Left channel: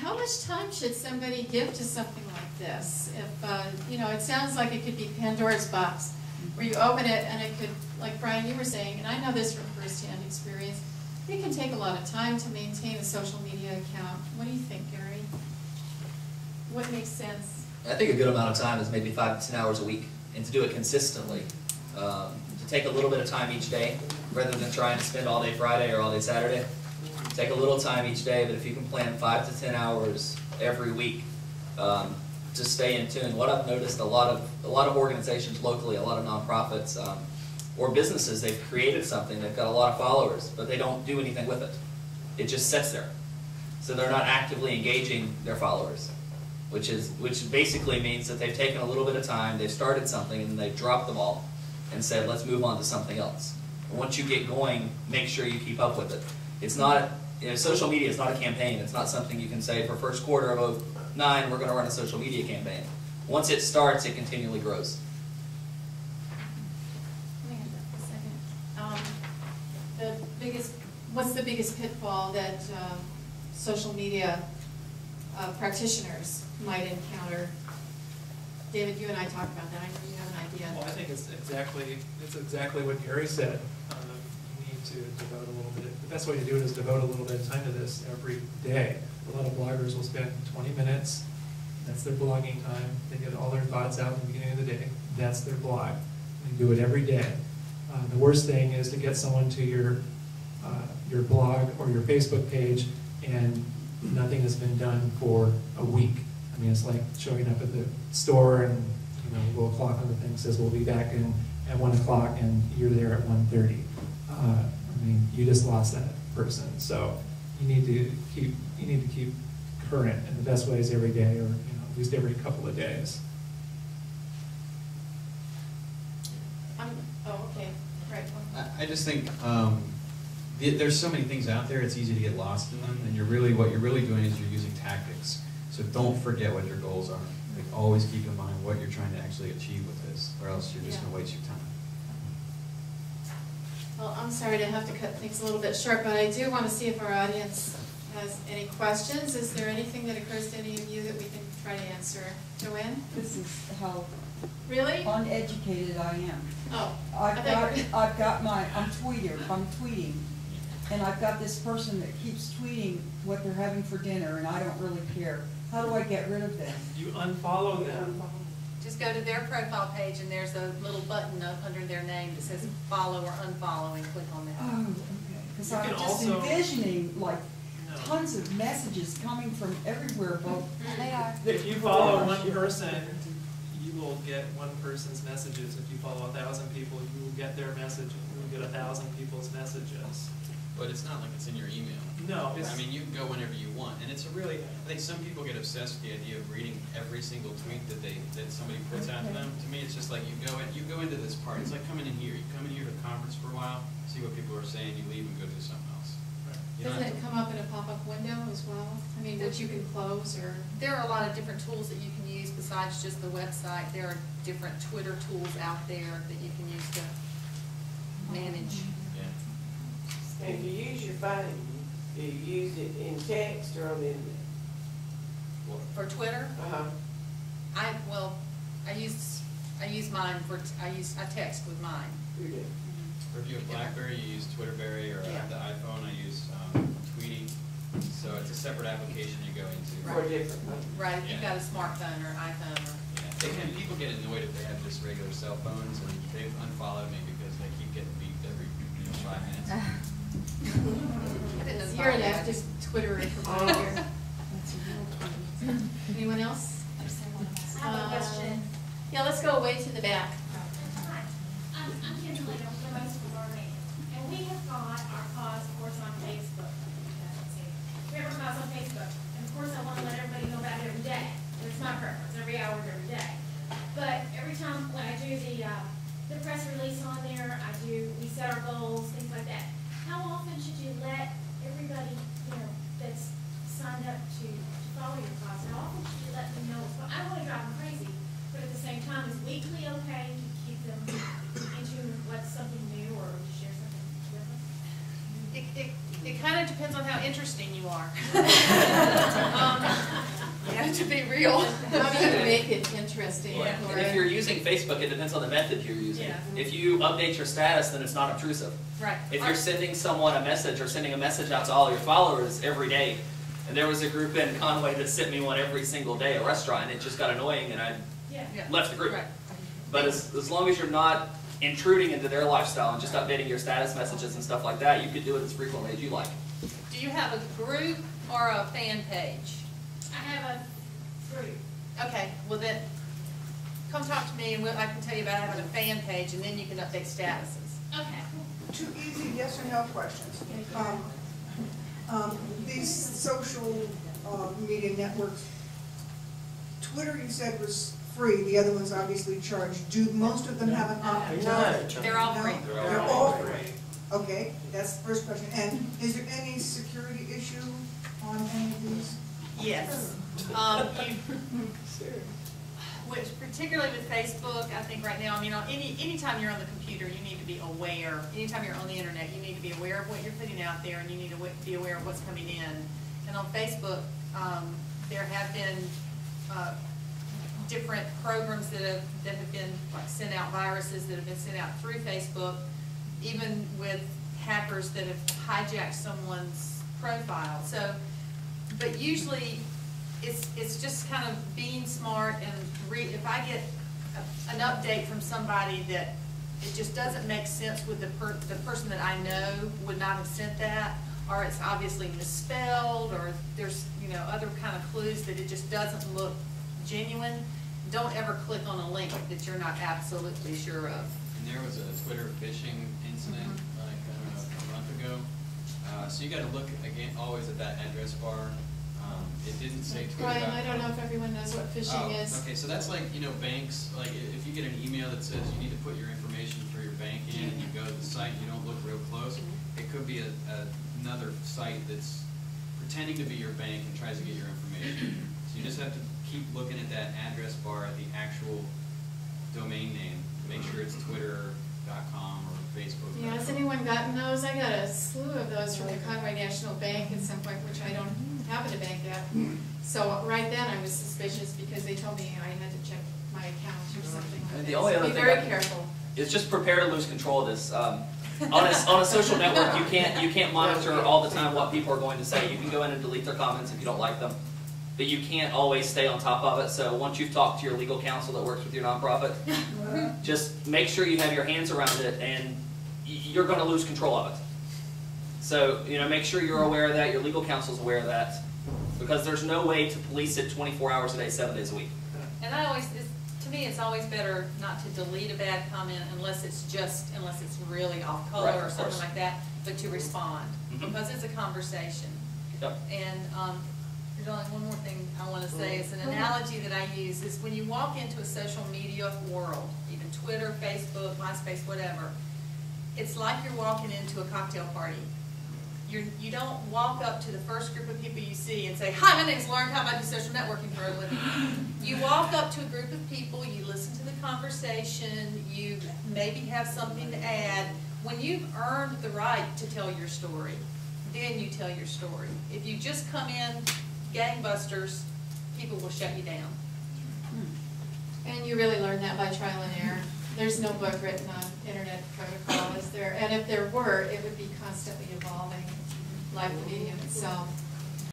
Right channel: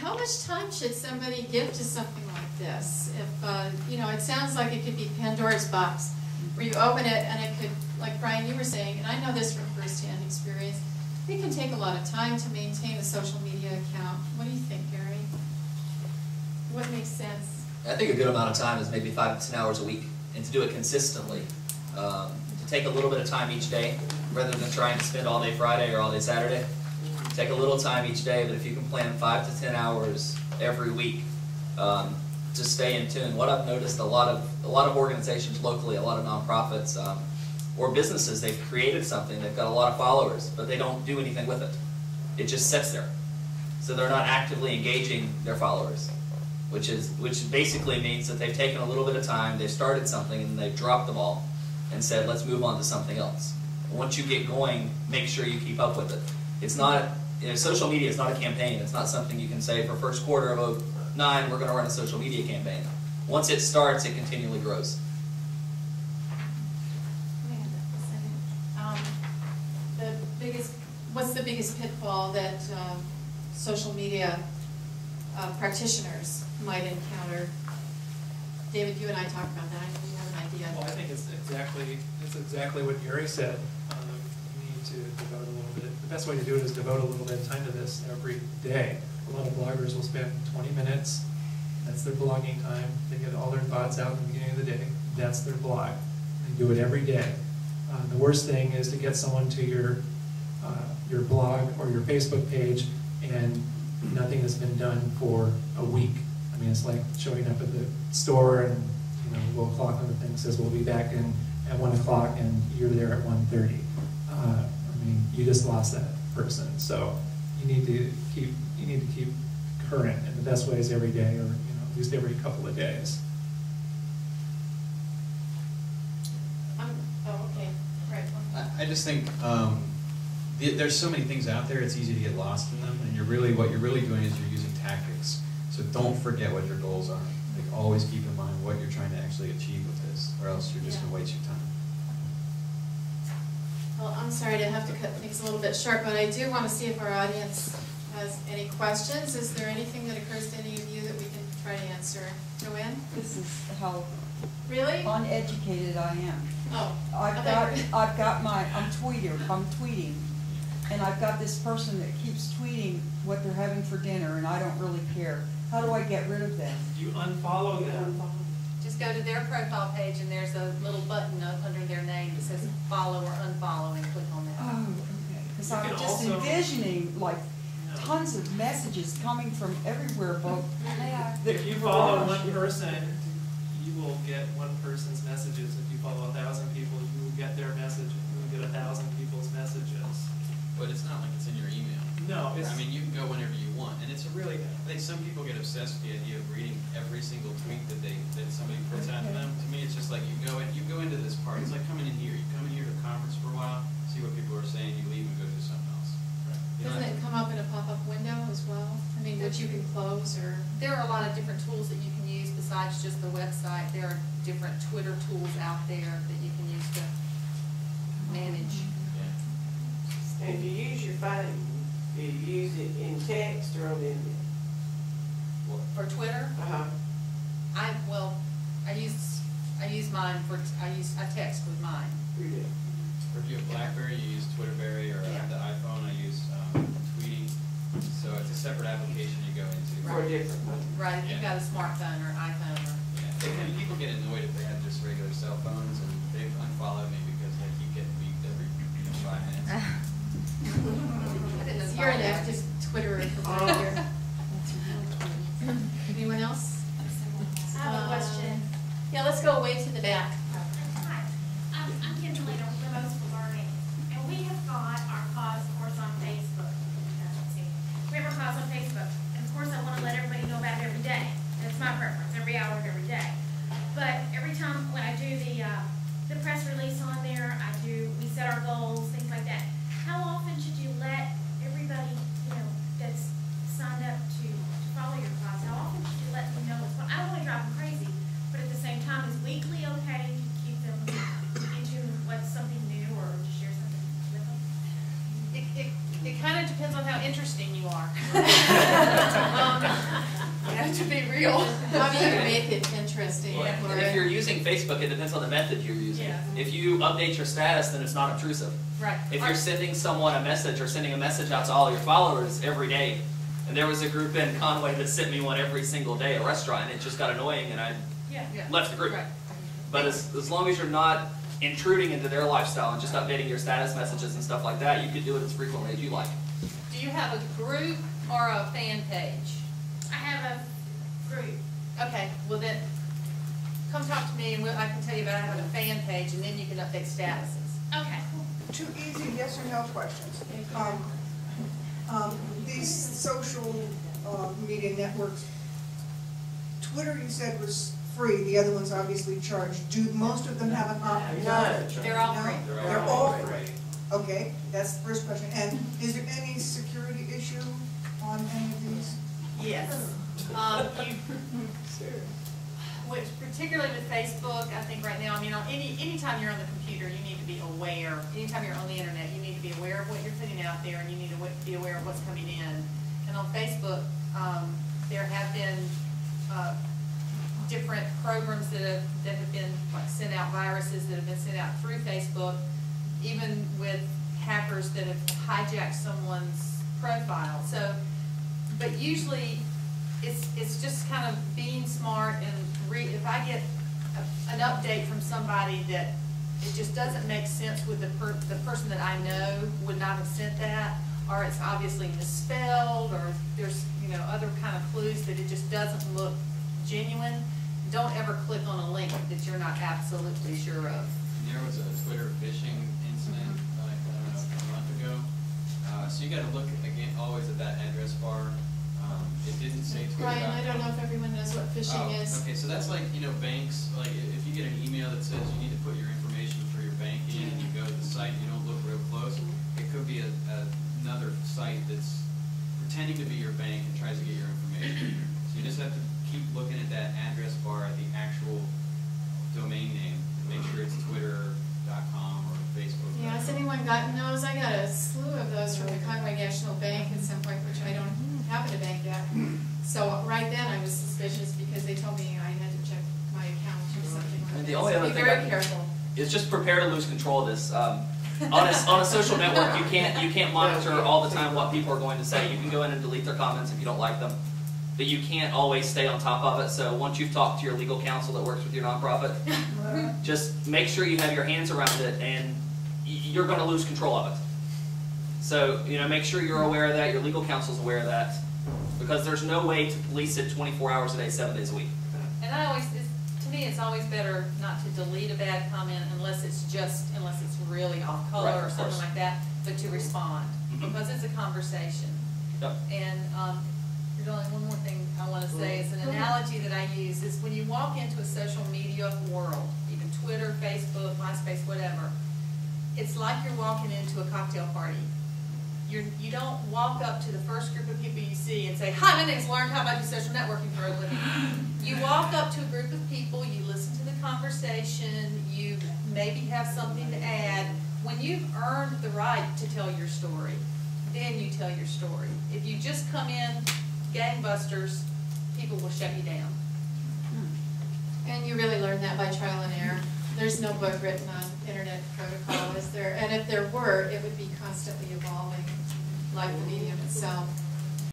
How much time should somebody give to something like this? If, you know, it sounds like it could be Pandora's box, where you open it and it could, like Brian, you were saying, and I know this from firsthand experience, it can take a lot of time to maintain a social media account. What do you think, Gary? What makes sense? I think a good amount of time is maybe 5 to 10 hours a week, and to do it consistently. To take a little bit of time each day, rather than trying to spend all day Friday or all day Saturday. Take a little time each day, but if you can plan 5 to 10 hours every week to stay in tune. What I've noticed, a lot of organizations locally, a lot of nonprofits or businesses, they've created something, they've got a lot of followers, but they don't do anything with it. It just sits there. So they're not actively engaging their followers, which basically means that they've taken a little bit of time, they've started something, and they've dropped the ball and said, let's move on to something else. And once you get going, make sure you keep up with it. It's not, you know, social media is not a campaign. It's not something you can say for first quarter of 2009, we're going to run a social media campaign. Once it starts, it continually grows. What's the biggest pitfall that social media practitioners might encounter? David, you and I talked about that. I know you have an idea. Well, I think it's exactly what Gary said. You need to devote a little bit. The best way to do it is devote a little bit of time to this every day. A lot of bloggers will spend 20 minutes. That's their blogging time. They get all their thoughts out in the beginning of the day. That's their blog. They do it every day. The worst thing is to get someone to your blog or your Facebook page and nothing has been done for a week. I mean, it's like showing up at the store and, you know, we'll clock on the thing says we'll be back in at 1 o'clock and you're there at 1:30. I mean, you just lost that person. So you need to keep current, and the best way is every day, or, you know, at least every couple of days. Oh, okay. Right. I just think there's so many things out there, it's easy to get lost in them, and what you're really doing is you're using tactics. So don't forget what your goals are. Like, always keep in mind what you're trying to actually achieve with this, or else you're just going to waste your time. Well, I'm sorry to have to cut things a little bit short, but I do want to see if our audience has any questions. Is there anything that occurs to any of you that we can try to answer? Joanne? This is how Really? uneducated I am. Oh. I'm tweeting, and I've got this person that keeps tweeting what they're having for dinner, and I don't really care. How do I get rid of them? You unfollow them. Just go to their profile page, and there's a little button up under their name that says follow or unfollow, and click on that. Oh, okay. Because I'm just envisioning, like, tons of messages coming from everywhere. But they are. If you follow one person, you will get one person's messages. If you follow 1,000 people, you will get their message. You will get 1,000 people's messages. But it's not like it's in your email. No, I mean, you can go whenever you want, and it's a really. I think some people get obsessed with the idea of reading every single tweet that somebody puts out to them. To me, it's just like you go into this part. It's like coming in here. You come in here to a conference for a while, see what people are saying, you leave and go do something else. Right. Doesn't it come up in a pop-up window as well? I mean, which you can close or. There are a lot of different tools that you can use besides just the website. There are different Twitter tools out there that you can use to manage. And if you use your phone, do you use it in text or in? For Twitter? I use mine for I text with mine. Or if you have BlackBerry, you use Twitterberry, or the iPhone, I use Tweety. So it's a separate application you go into. Right. If you've got a smartphone or iPhone. People get annoyed if they have just regular cell phones, and they've unfollowed me because they keep getting beeped every 5 minutes. You're an active Twitterer from right here. Anyone else? I have a question. Yeah, let's go way to the back. Hi. I'm Kim Later with Promotes for Learning. And we have got our cause, of course, on Facebook. We have our cause on Facebook. And of course, I want to let everybody know about it every day. And it's my preference, every hour of every day. But every time when I do the press release on there, we set our goals, things like that. How often should you let everybody, that's signed up to follow your cause, how often should you let them know? So I don't want to drive them crazy, but at the same time, is weekly okay to keep them into what's something new or to share something different? It kind of depends on how interesting you are. material. How do you make it interesting? Yeah. for And if you're using Facebook, it depends on the method you're using. Yeah. If you update your status, then it's not obtrusive. Right. If you're sending someone a message or sending a message out to all your followers every day, and there was a group in Conway that sent me one every single day, a restaurant, and it just got annoying, and I Yeah. left the group. Right. But as long as you're not intruding into their lifestyle and just updating your status messages and stuff like that, you could do it as frequently as you like. Do you have a group or a fan page? I have a group. Okay, well then, come talk to me and I can tell you about having a fan page and then you can update statuses. Okay. Two easy yes or no questions. These social media networks, Twitter you said was free, the other ones obviously charged. Do most of them have an option? None. They're all No? free. They're all free. Okay, that's the first question. And is there any security issue on any of these? Yes. Which particularly with Facebook, I think right now, I mean, anytime you're on the computer, you need to be aware. Anytime you're on the internet, you need to be aware of what you're putting out there, and you need to be aware of what's coming in. And on Facebook, there have been different programs that have been like sent out, viruses that have been sent out through Facebook, even with hackers that have hijacked someone's profile. So, but usually it's just kind of being smart and if I get an update from somebody that it just doesn't make sense with the person that I know would not have sent that, or it's obviously misspelled, or there's other kind of clues that it just doesn't look genuine, don't ever click on a link that you're not absolutely sure of. And there was a Twitter phishing incident, like, I don't know, a month ago. So you gotta look, again, always at that address bar. It didn't say Twitter. Brian, I don't know if everyone knows what phishing is. Okay, so that's like, banks, like, if you get an email that says you need to put your information for your bank in, and you go to the site and you don't look real close, it could be another site that's pretending to be your bank and tries to get your information. So you just have to keep looking at that address bar at the actual domain name, make sure it's twitter.com or Facebook.com. Yeah, has anyone gotten those? I got a slew of those from the Conway National Bank at some point, which I don't have in a bank yet. So right then I was suspicious because they told me I had to check my account or something like And that. the only other Be thing very careful. is just prepare to lose control of this. On a social network, you can't monitor all the time what people are going to say. You can go in and delete their comments if you don't like them, but you can't always stay on top of it. So once you've talked to your legal counsel that works with your nonprofit, just make sure you have your hands around it, and you're going to lose control of it. So make sure you're aware of that. Your legal counsel's aware of that, because there's no way to police it 24 hours a day, 7 days a week. And to me, it's always better not to delete a bad comment unless it's really off color Right, or of something course. like that, but to respond, Mhm. because it's a conversation. Yep. And there's only one more thing I want to say. Is an analogy that I use is when you walk into a social media world, even Twitter, Facebook, MySpace, whatever, it's like you're walking into a cocktail party. You don't walk up to the first group of people you see and say, "Hi, my name's Lauren Cobb, I do social networking for a living." You walk up to a group of people, you listen to the conversation, you maybe have something to add. When you've earned the right to tell your story, then you tell your story. If you just come in gangbusters, people will shut you down. And you really learn that by trial and error. There's no book written on internet protocol, is there? And if there were, it would be constantly evolving, like the medium itself.